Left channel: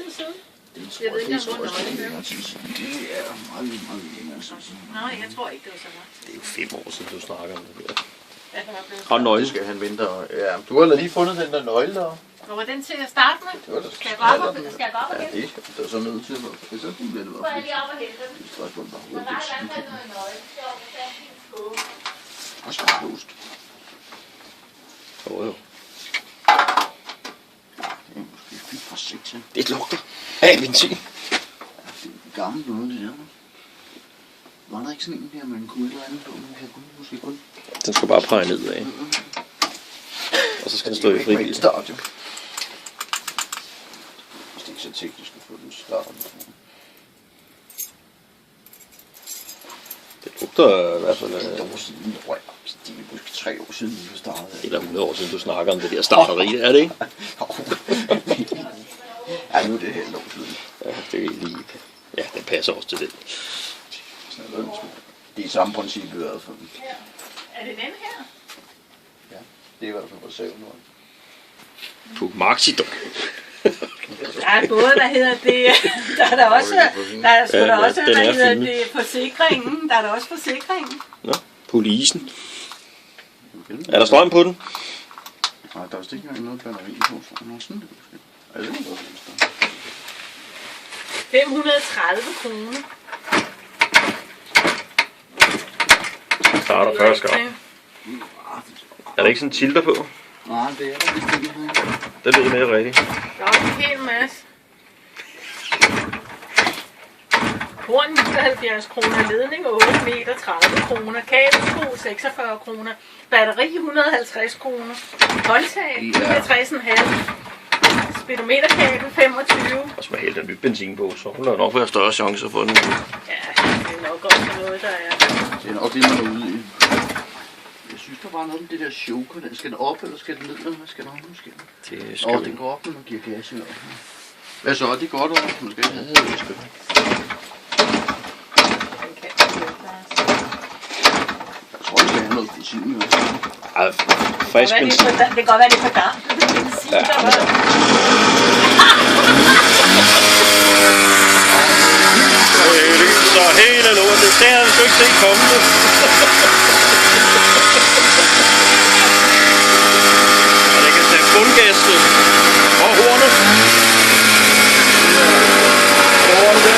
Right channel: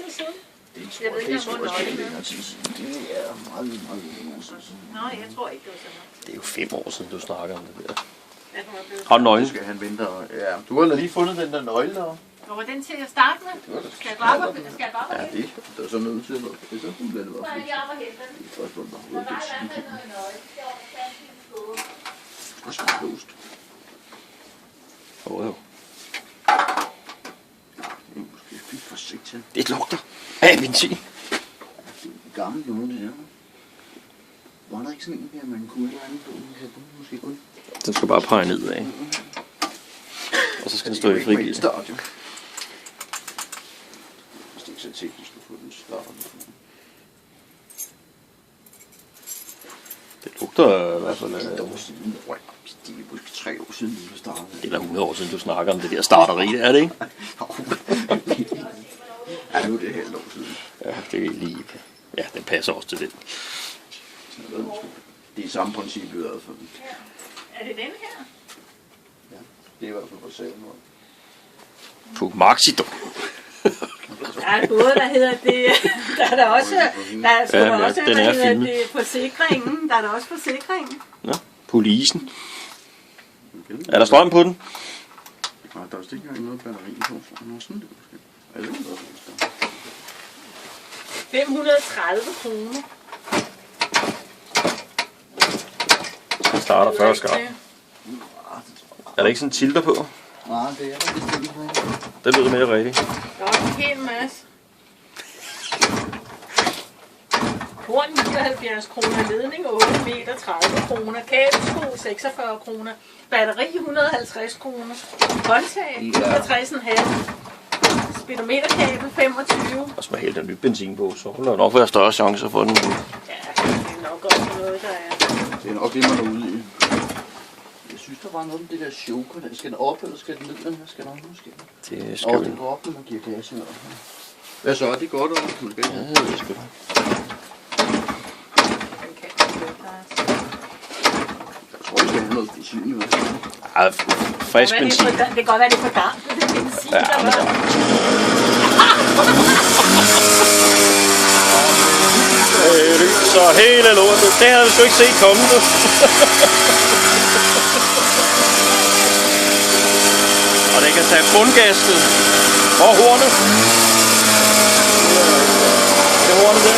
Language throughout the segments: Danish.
tid siden? Det tror jeg, det er længere tid siden. Det er meget længere tid siden. Nej, jeg tror ikke, det var så meget. Det er jo 5 år siden, du snakker om det der. Ja, den var blevet Og nøgle. Det skal han vente. Ja, du har lige fundet den der nøgle der. Hvor var den til at starte med? Det var da Skal jeg gå op og hente Ja, det er så nødt til at være. Det er så fint, at det var Så er jeg lige op og hente den. Det er spørgsmål bare Der hovedet. er i hvert fald noget nøje. Det er op og tage en skål. Og så låst. Jo. Det er måske fint for sigt til. Det lugter af benzin. Det er gammelt noget, det der. Var der ikke sådan en der, man kunne et eller andet på? Måske kun. Den skal bare pege ned af. Og så skal den stå i frigivet. Start. Hvis det ikke så teknisk at få den startet. Det lugter i hvert fald af... Det er måske 3 år siden, vi startede. Det er 100 år siden, du snakker om det der starteri, er det ikke? Ja, nu er det helt år siden. Ja, det er lige... Ja, den passer også til det. Det er samme princip i hvert fald. Er det den her? Ja, det er i hvert fald reserven. På Maxidor. Der er både, der hedder det, der er der også, der er sgu da også, den der er hedder filmet. det forsikringen, der er der også forsikringen. Nå, polisen. Er der strøm på den? Nej, der er vist ikke engang noget batteri på. Nå, sådan det måske. Er det ikke noget, der 530 kroner. Den starter første gang. Er der ikke sådan en tilter på? Nej, det er der bestemt ikke. Det ved jeg med rigtigt. Der er også en hel masse. Horn 79 kroner, ledning 8 meter 30 kroner, kabelsko 46 kroner, batteri 150 kroner, håndtag 69,5, speedometerkabel 25. Og så må hælde den nyt benzin på, så vil der nok være større chancer for den. Ja, det er nok også noget, der er. Det er nok det, man er ude i. Jeg synes, der var noget med det der choker. Skal den op, eller skal den ned, eller hvad skal der nu ske? Det skal Den går op, når man giver gas. Hvad så? Det går der, man skal ikke. Den kan ikke Jeg tror, det skal have noget benzin i hvert fald. Ej, frisk benzin. det kan godt være, det er for damp. Benzin, der var. Så hele lortet, det havde vi sgu ikke set komme det. Og det kan tage bundgastet og hornet. Det er hornet der.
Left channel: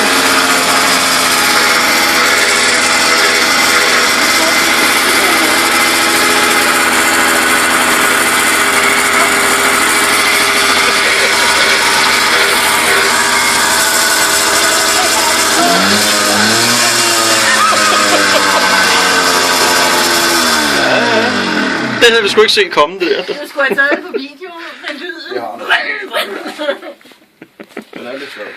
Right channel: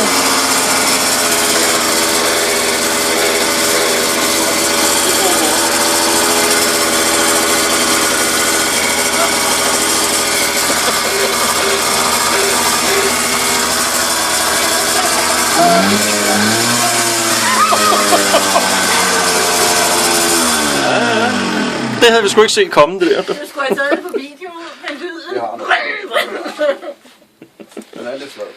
Det havde vi sgu ikke set komme, det der. Du skulle have taget det på video med lyden. Jeg har det. Den er lidt flot.